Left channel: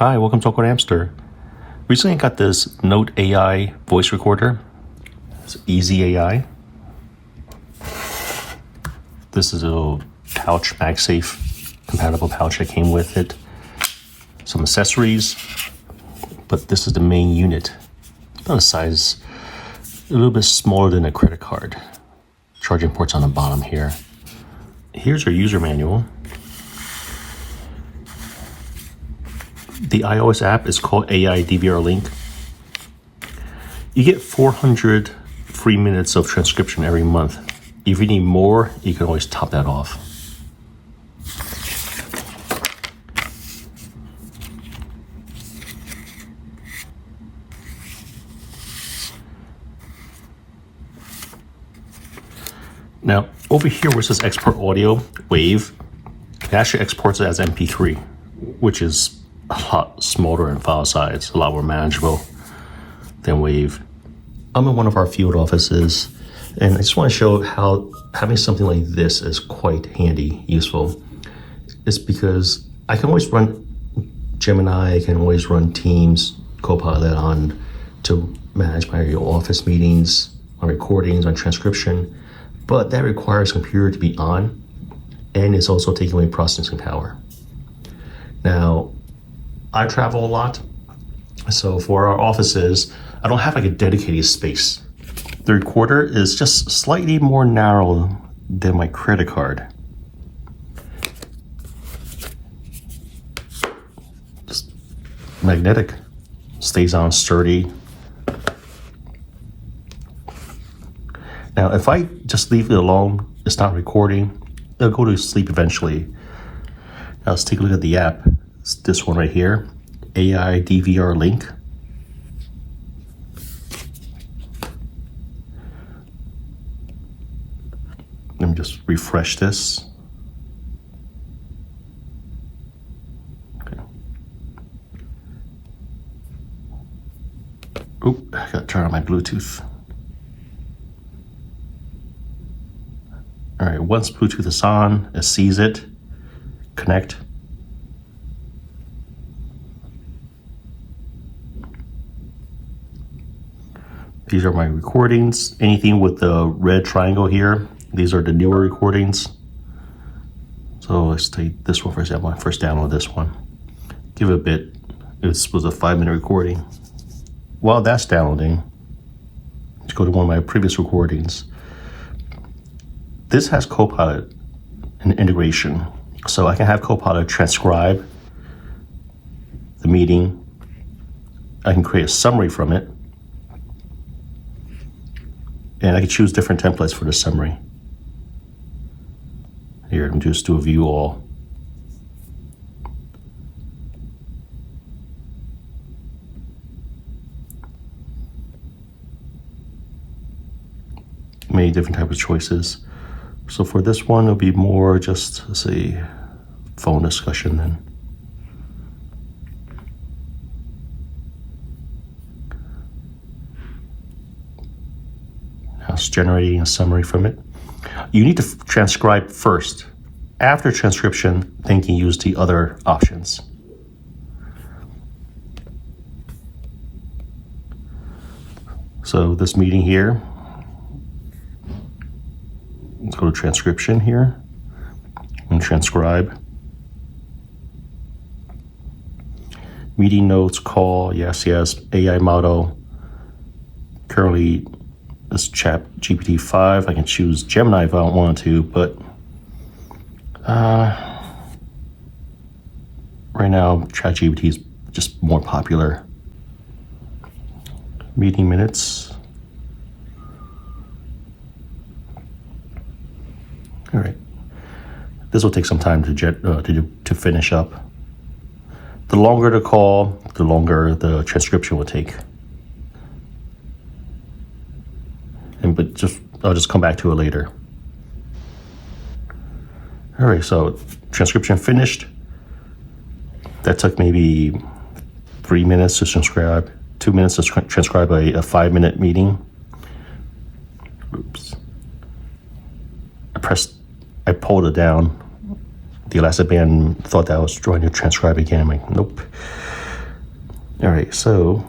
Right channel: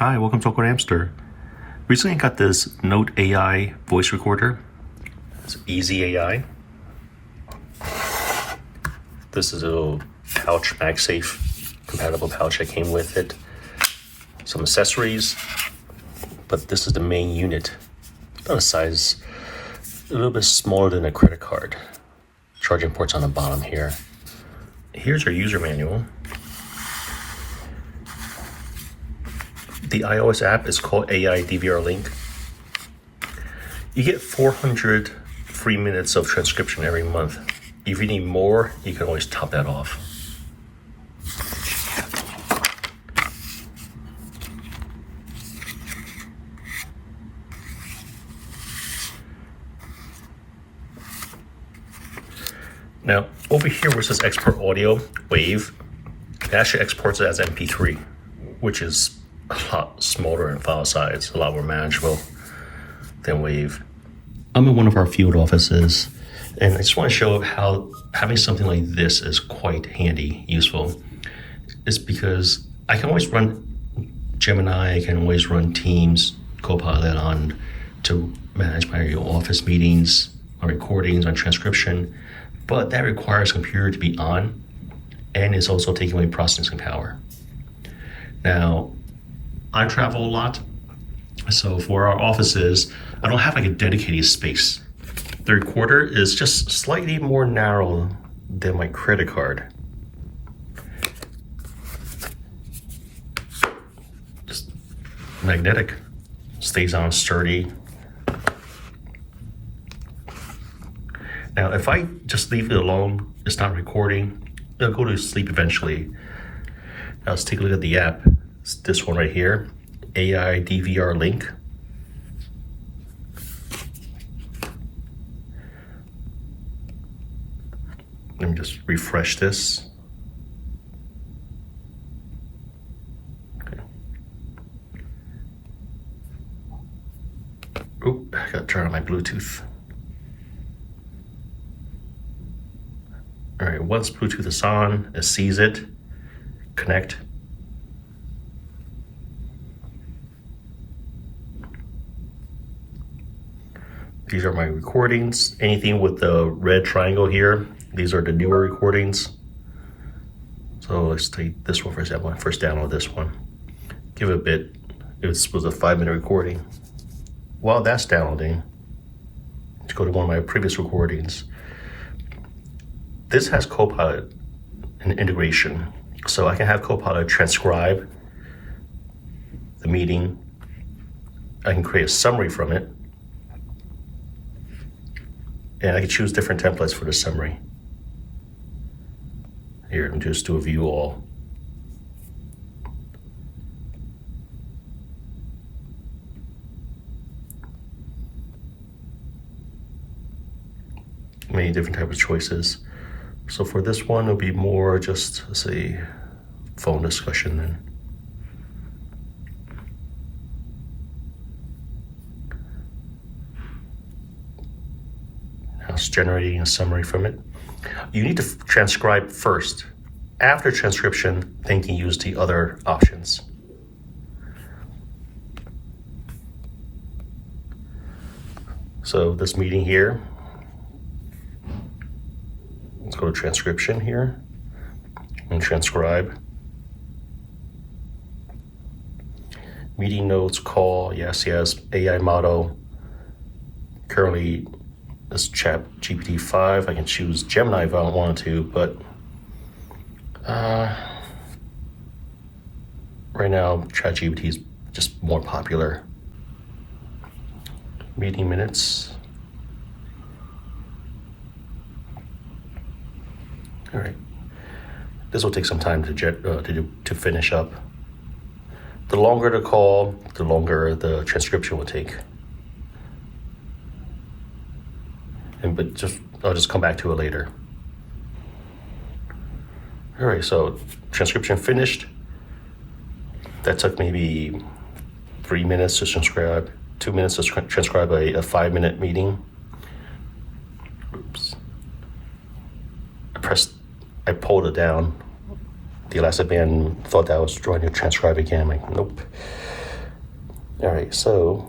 Hi, welcome to AwkwardHamster. Recently I got this Note AI voice recorder. It's EAZEYai. This is a pouch, MagSafe compatible pouch that came with it. Some accessories, but this is the main unit. It's about a size a little bit smaller than a credit card. Charging port's on the bottom here. Here's our user manual. The iOS app is called AI DVR Link. You get 400 free minutes of transcription every month. If you need more, you can always top that off. Now, over here where it says export audio, WAV, it actually exports it as MP3, which is a lot smaller in file size, a lot more manageable than WAV. I'm in one of our field offices, and I just want to show how having something like this is quite handy, useful. It's because I can always run Gemini, I can always run Teams, Copilot on to manage my office meetings, my recordings, my transcription, but that requires a computer to be on, and it's also taking away processing power. Now, I travel a lot, so for our offices, I don't have like a dedicated space. The recorder is just slightly more narrow than my credit card. Just magnetic, stays on sturdy. Now, if I just leave it alone, it's not recording, it'll go to sleep eventually. Now let's take a look at the app. It's this one right here, AI DVR Link. Let me just refresh this. Okay. Oop, I gotta turn on my Bluetooth. All right, once Bluetooth is on, it sees it, connect. These are my recordings. Anything with the red triangle here, these are the newer recordings. So let's take this one for example. I first download this one. Give it a bit. This was a 5-minute recording. While that's downloading, let's go to one of my previous recordings. This has Copilot and integration. So I can have Copilot transcribe the meeting. I can create a summary from it. And I can choose different templates for the summary. Here, I'm just do a view all. Many different types of choices. So for this one, it'll be more just, let's say, phone discussion then. Now it's generating a summary from it. You need to transcribe first. After transcription, then you can use the other options. So this meeting here, let's go to transcription here and transcribe. Meeting notes, call, yes, AI model. Currently, this Chat GPT-5, I can choose Gemini if I don't want to, but right now Chat GPT is just more popular. Meeting minutes. All right, this will take some time to finish up. The longer the call, the longer the transcription will take. But I'll just come back to it later. All right, so transcription finished. That took maybe 3 minutes to transcribe, 2 minutes to transcribe a 5-minute meeting. Oops. I pulled it down. The elastic band thought that I was trying to transcribe again. I'm like, nope. All right, so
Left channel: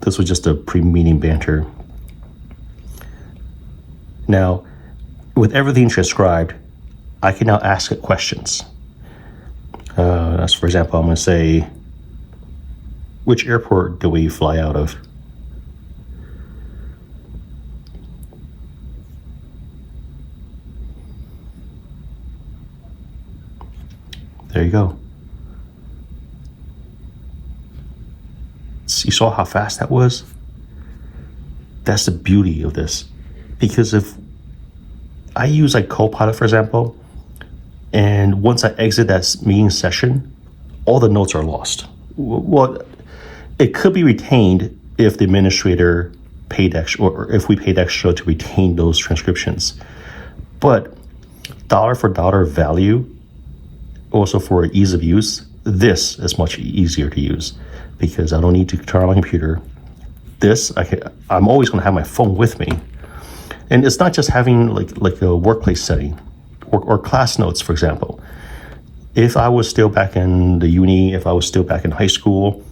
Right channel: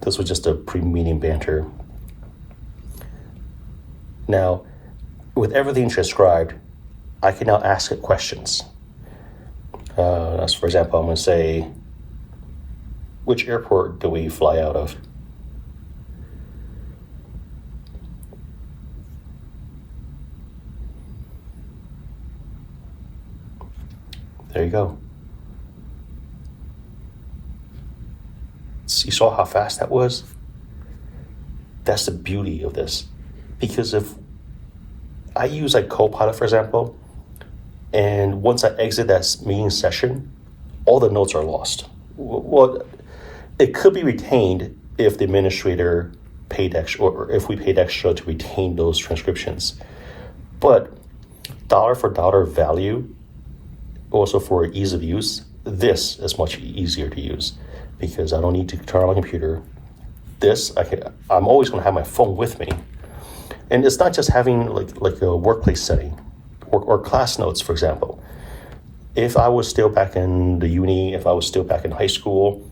this was just a pre-meeting banter. Now, with everything transcribed, I can now ask it questions. As for example, I'm going to say, which airport do we fly out of? There you go. You saw how fast that was? That's the beauty of this. Because if I use like Copilot, for example, and once I exit that meeting session, all the notes are lost. Well, it could be retained if the administrator paid extra, or if we paid extra to retain those transcriptions. But dollar for dollar value, also for ease of use, this is much easier to use because I don't need to turn on my computer. This, I'm always going to have my phone with me. And it's not just having like a workplace setting or class notes, for example. If I was still back in the uni, if I was still back in high school,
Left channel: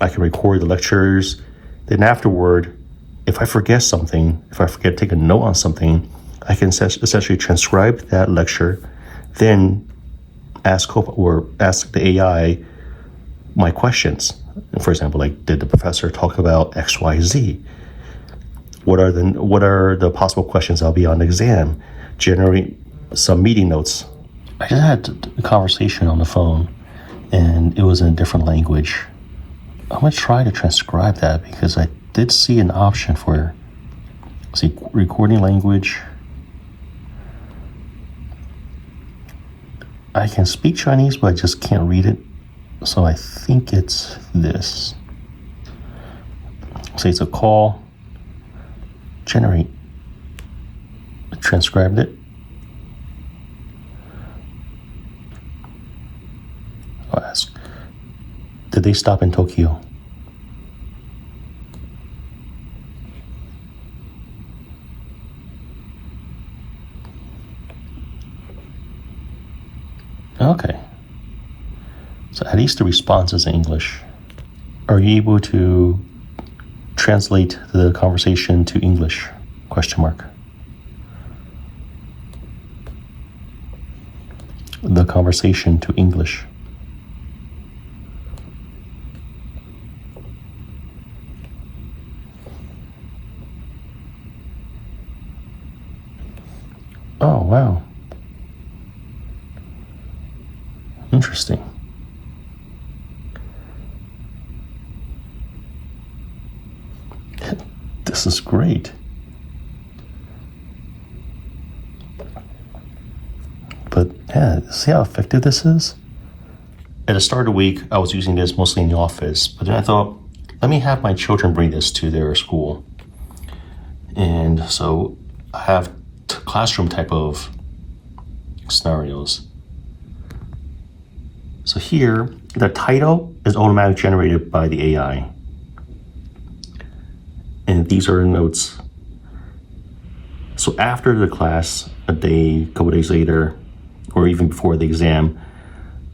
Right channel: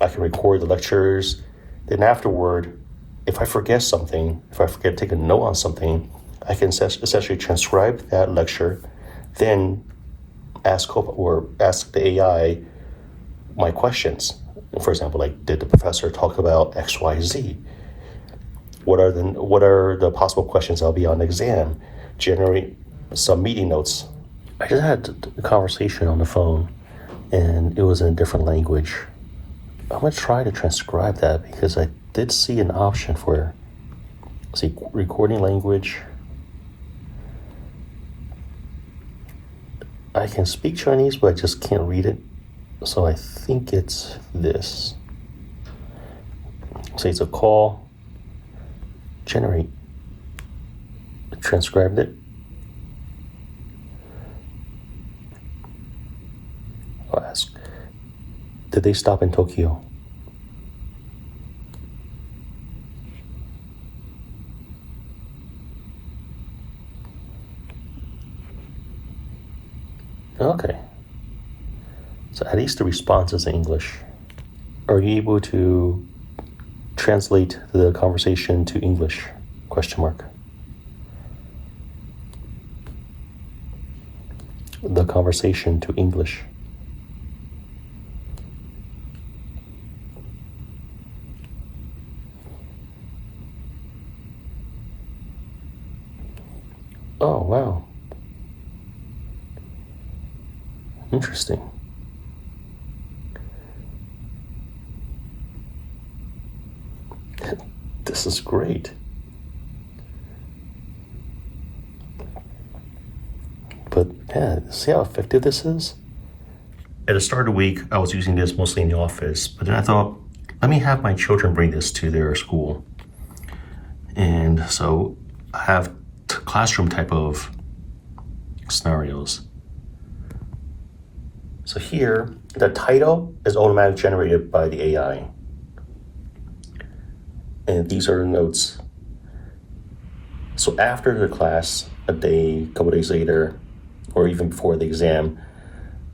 I can record the lectures. Then afterward, if I forget something, if I forget to take a note on something, I can essentially transcribe that lecture, then ask the AI my questions. For example, like, did the professor talk about X, Y, Z? What are the possible questions that'll be on the exam? Generate some meeting notes. I just had a conversation on the phone, and it was in a different language. I'm gonna try to transcribe that because I did see an option for, recording language. I can speak Chinese, but I just can't read it. So I think it's this. Say it's a call. Generate. Transcribed it. I'll ask, did they stop in Tokyo? Okay. So at least the response is in English. Are you able to translate the conversation to English? Question mark. The conversation to English. Oh, wow. Interesting. This is great. But yeah, see how effective this is? At the start of the week, I was using this mostly in the office, but then I thought, let me have my children bring this to their school. And so I have classroom type of scenarios. So here, the title is automatically generated by the AI. And these are the notes. So after the class, a couple days later, or even before the exam,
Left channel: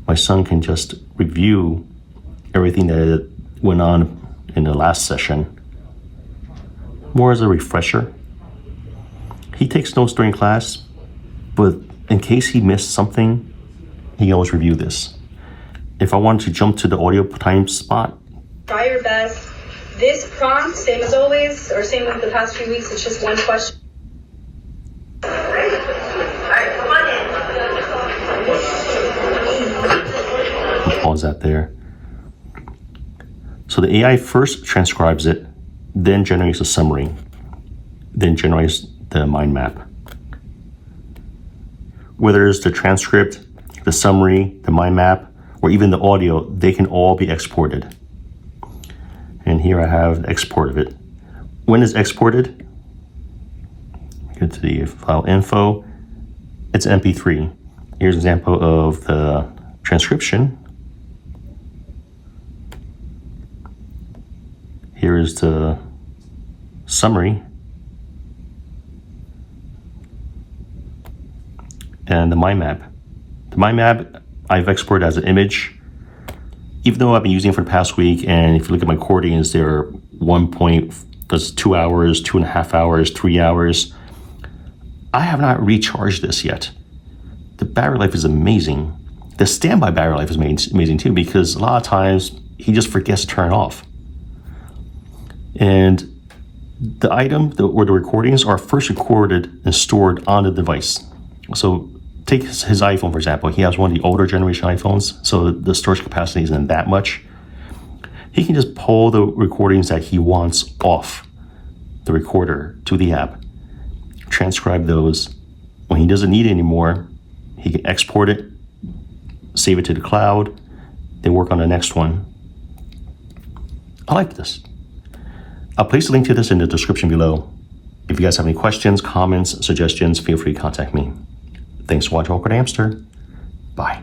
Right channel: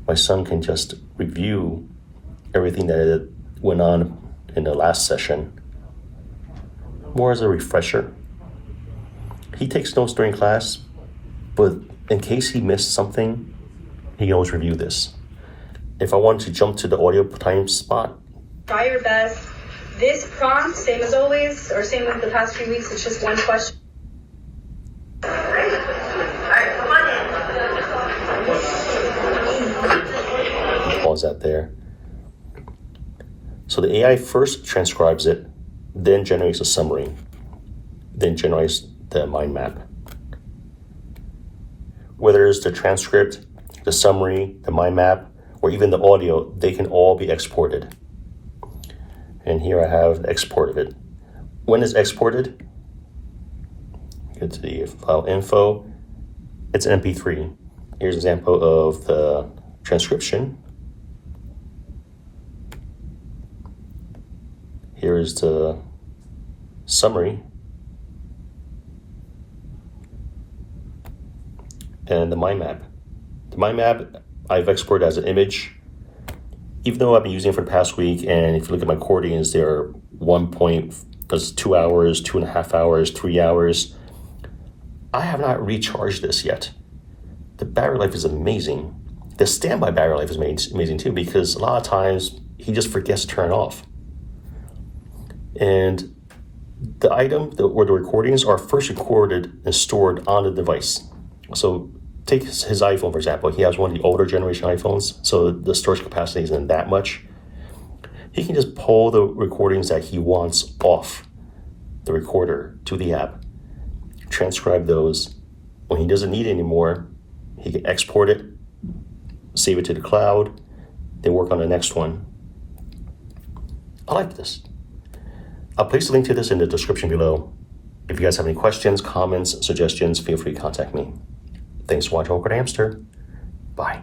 my son can just review everything that went on in the last session, more as a refresher. He takes notes during class, but in case he missed something, he can always review this. If I wanted to jump to the audio time spot, try your best. This prompt, same as always, or same with the past few weeks, it's just one question. All right, come on in. Pause that there. So the AI first transcribes it, then generates a summary, then generates the mind map. Whether it's the transcript, the summary, the mind map, or even the audio, they can all be exported. And here I have the export of it. When it's exported, go to the file info, it's MP3. Here's an example of the transcription. Here is the summary. And the mind map. The mind map I've exported as an image. even though I've been using it for the past week, and if you look at my recordings, they're there's 2 hours, 2.5 hours, 3 hours. I have not recharged this yet. The battery life is amazing. The standby battery life is amazing too, because a lot of times he just forgets to turn it off. And the item or the recordings are first recorded and stored on the device. So take his iPhone, for example. He has one of the older generation iPhones, so the storage capacity isn't that much. He can just pull the recordings that he wants off the recorder to the app, transcribe those. When he doesn't need it anymore, he can export it, save it to the cloud, then work on the next one. I like this. I'll place a link to this in the description below. If you guys have any questions, comments, suggestions, feel free to contact me. Thanks for watching AwkwardHamster. Bye.